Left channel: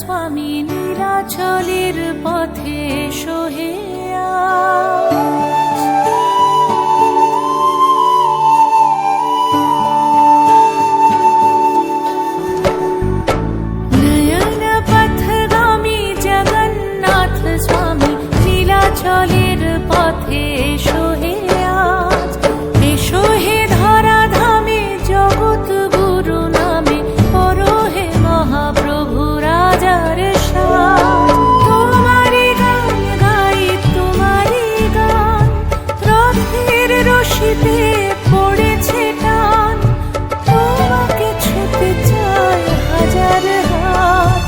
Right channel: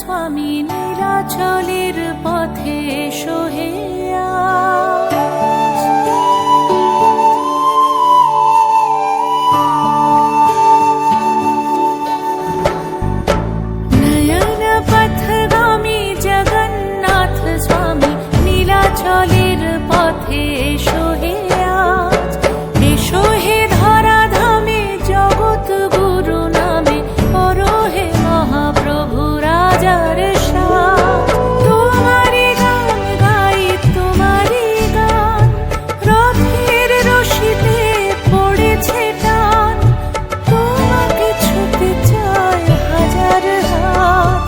স্বামী নীলাচলের পথে এসো হে আজ। নয়ন পথগামী জগন্নাথ স্বামী নীলাচলের পথে এসো হে আজ। এসো হে ধরাধামে জগৎ গুরু নামে করো হে মহাপ্রভু রাজার সাজ। তোমারি গান গাই তোমারি গান, রথের রশিতে পড়েছে টান। তোমাকে ছুতে চায় হাজার হাত,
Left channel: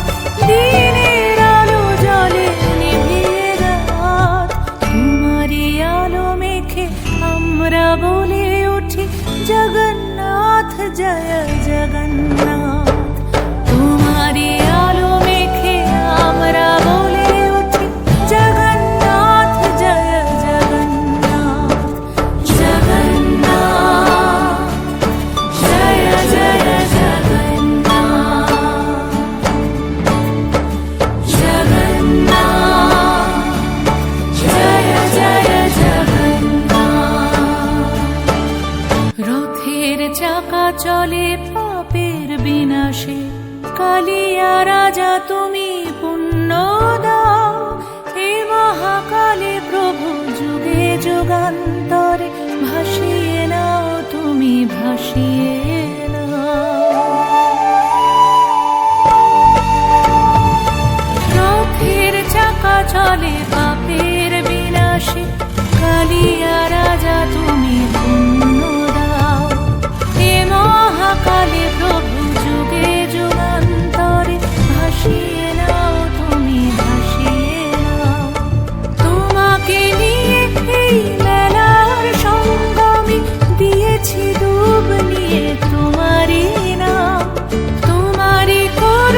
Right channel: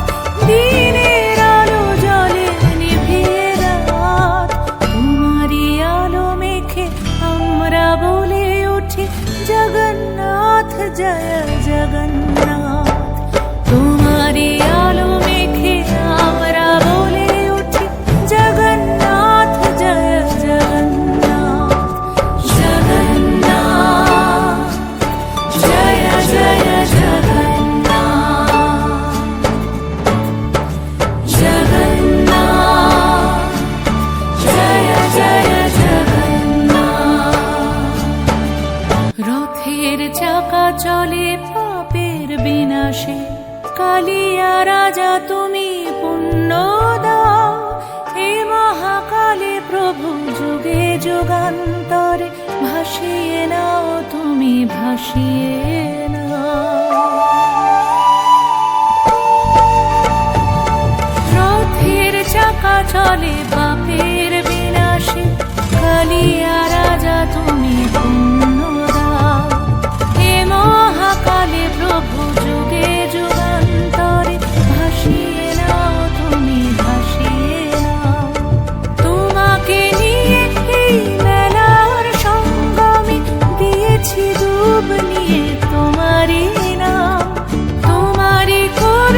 দিনের আলো জলে নিভিয়ে রাত। তোমারি আলো মেখে আমরা বলে উঠি জগন্নাথ জয় জগন্নাথ। তোমারি আলো মেখে আমরা বলে উঠি জগন্নাথ জয় জগন্নাথ। জগন্নাথ জয় জয় জগন্নাথ। জগন্নাথ জয় জয় জগন্নাথ। রথের চাকা চলে পাপের বিনাশে, কালিয়া রাজা তুমি পুণ্য দাও। হে মহাকালে প্রভু যুগে যুগান্তরে ভাসিয়ে নাও তুমি ভাসিয়ে নাও। রথের চাকা চলে পাপের বিনাশে, কালিয়া রাজা তুমি পুণ্য দাও। হে মহাকালে প্রভু যুগে যুগান্তরে ভাসিয়ে নাও তুমি ভাসিয়ে নাও। তোমাকে নিয়ে এই মেলার সঙ্গমে দিয়েছি ডুব নিয়ে তোমারি নাম। তোমারি কর